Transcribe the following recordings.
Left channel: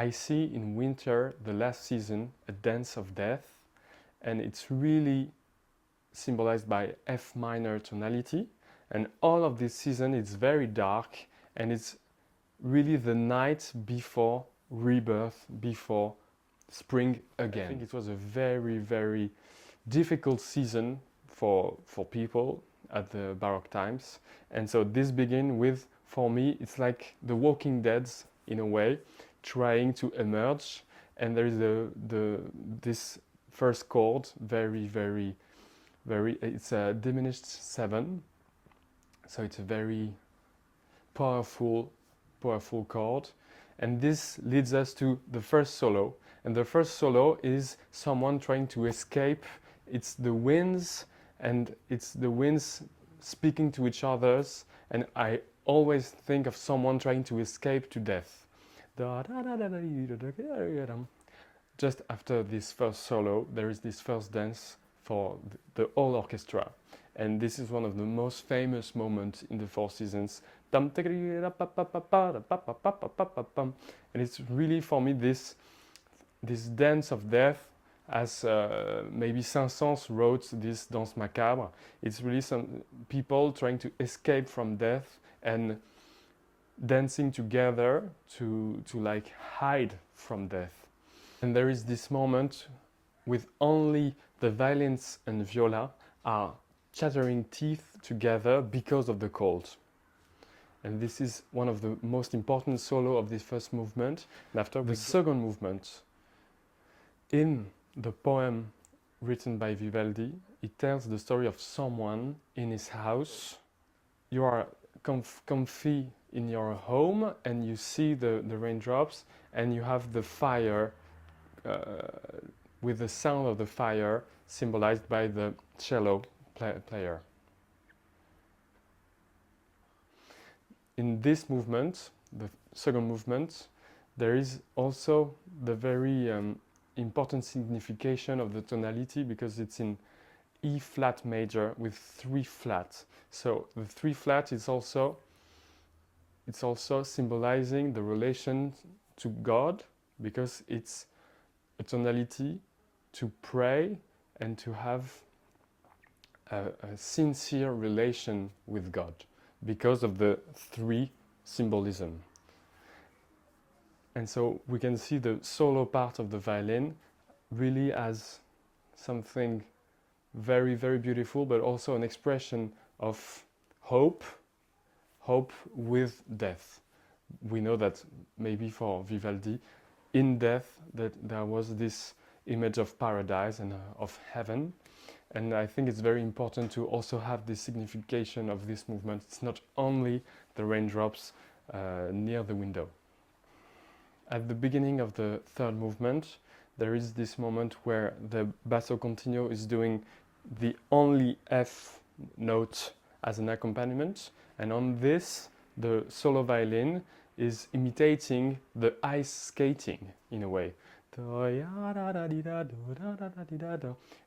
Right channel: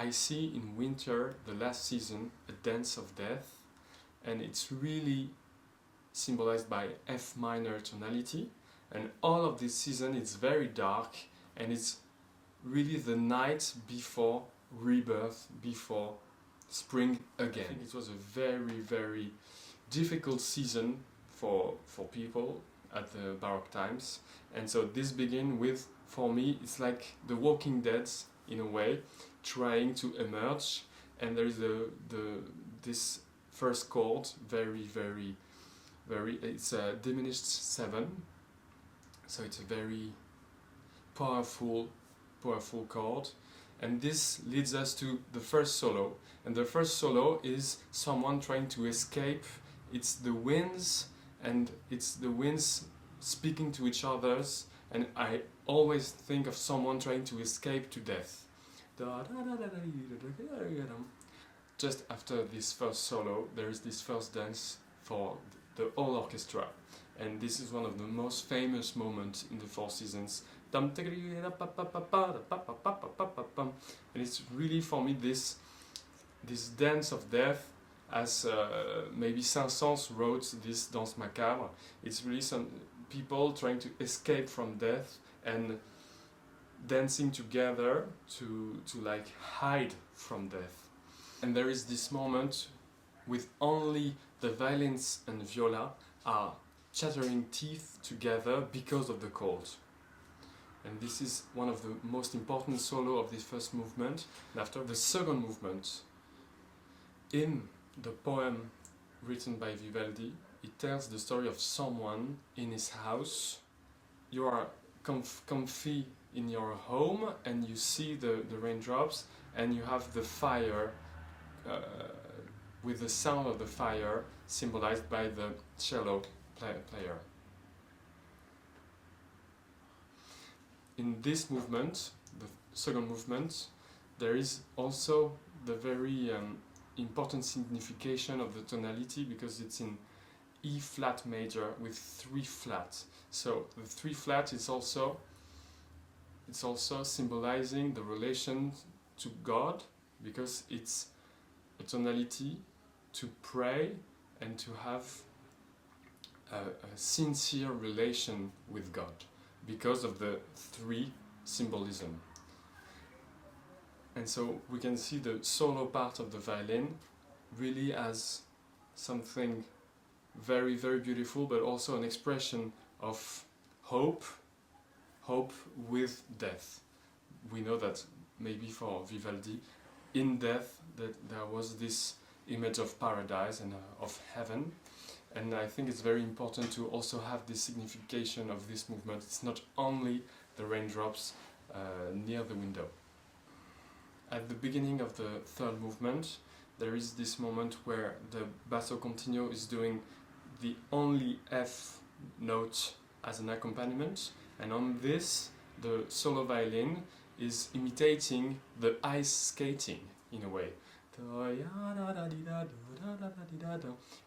I see in winter, the last season, a dance of death, and it's really symbolized by F minor tonality, and all of this season it's very dark, and it's really the night before rebirth, before spring again. I think it was a very, very difficult season for people at the Baroque times, and so this begins with, for me, it's like the Walking Dead in a way, trying to emerge, and there is this first chord, very, very, very, it's a diminished 7, so it's a very powerful chord, and this leads us to the first solo, and the first solo is someone trying to escape. It's the winds, and it's the winds speaking to each others, and I always think of someone trying to escape to death. Just after this first solo, there is this first dance for the whole orchestra, and this is one of the most famous moments in the Four Seasons. And it's really, for me, this dance of death, as maybe Saint-Saëns wrote this Danse Macabre. It's really some people trying to escape from death and dancing together to like hide from death. And there is this moment with only the violins and viola are chattering teeth together because of the cold. And this is one of the most important solo of this first movement. And after the second movement, in the poem written by Vivaldi, it tells the story of someone in his house. You are comfy in your home, and you see the raindrops, and you have the fire with the sound of the fire symbolized by the cello player. In this movement, the second movement, there is also the very important signification of the tonality, because it's in E flat major with 3 flat. So the 3 flat is also symbolizing the relation to God, because it's a tonality to pray and to have a sincere relation with God, because of the 3 symbolism. And so we can see the solo part of the violin really as something very, very beautiful, but also an expression of hope with death. We know that maybe for Vivaldi, in death, that there was this image of paradise and of heaven. And I think it's very important to also have the signification of this movement. It's not only the raindrops near the window. At the beginning of the third movement, there is this moment where the basso continuo is doing the only F note as an accompaniment, and on this, the solo violin is imitating the ice skating in a way.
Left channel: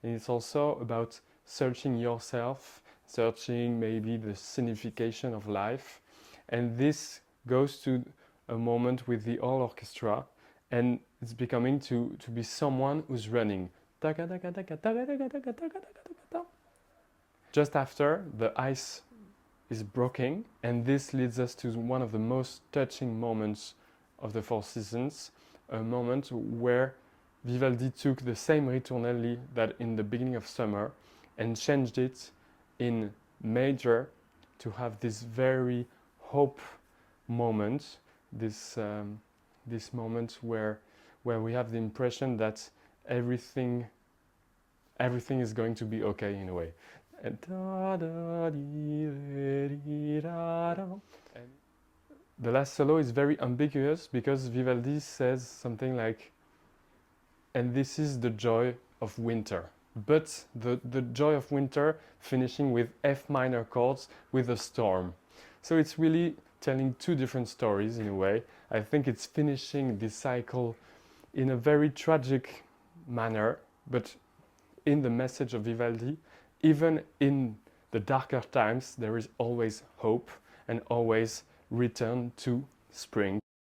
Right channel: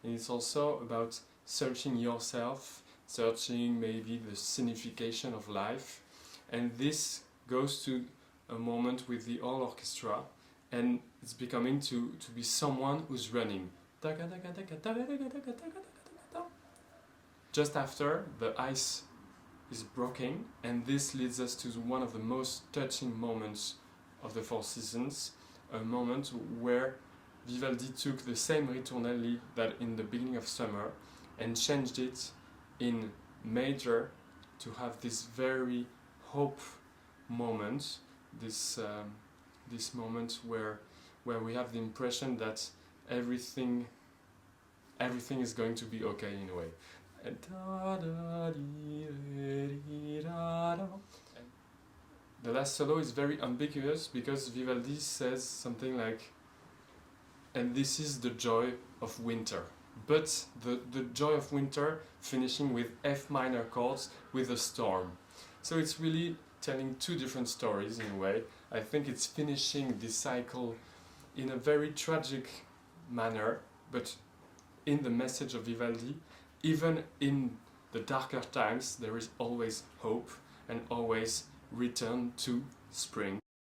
And it's also about searching yourself, searching maybe the signification of life, and this goes to a moment with the whole orchestra, and it's becoming to be someone who's running. Just after, the ice is broken, and this leads us to one of the most touching moments of the Four Seasons, a moment where Vivaldi took the same ritornelli that in the beginning of summer and changed it in major to have this very hope moment, this moment where we have the impression that everything is going to be okay in a way. And the last solo is very ambiguous, because Vivaldi says something like, and this is the joy of winter. But the joy of winter finishing with F minor chords with a storm. So it's really telling 2 different stories in a way. I think it's finishing this cycle in a very tragic manner, but in the message of Vivaldi, even in the darker times, there is always hope and always return to spring.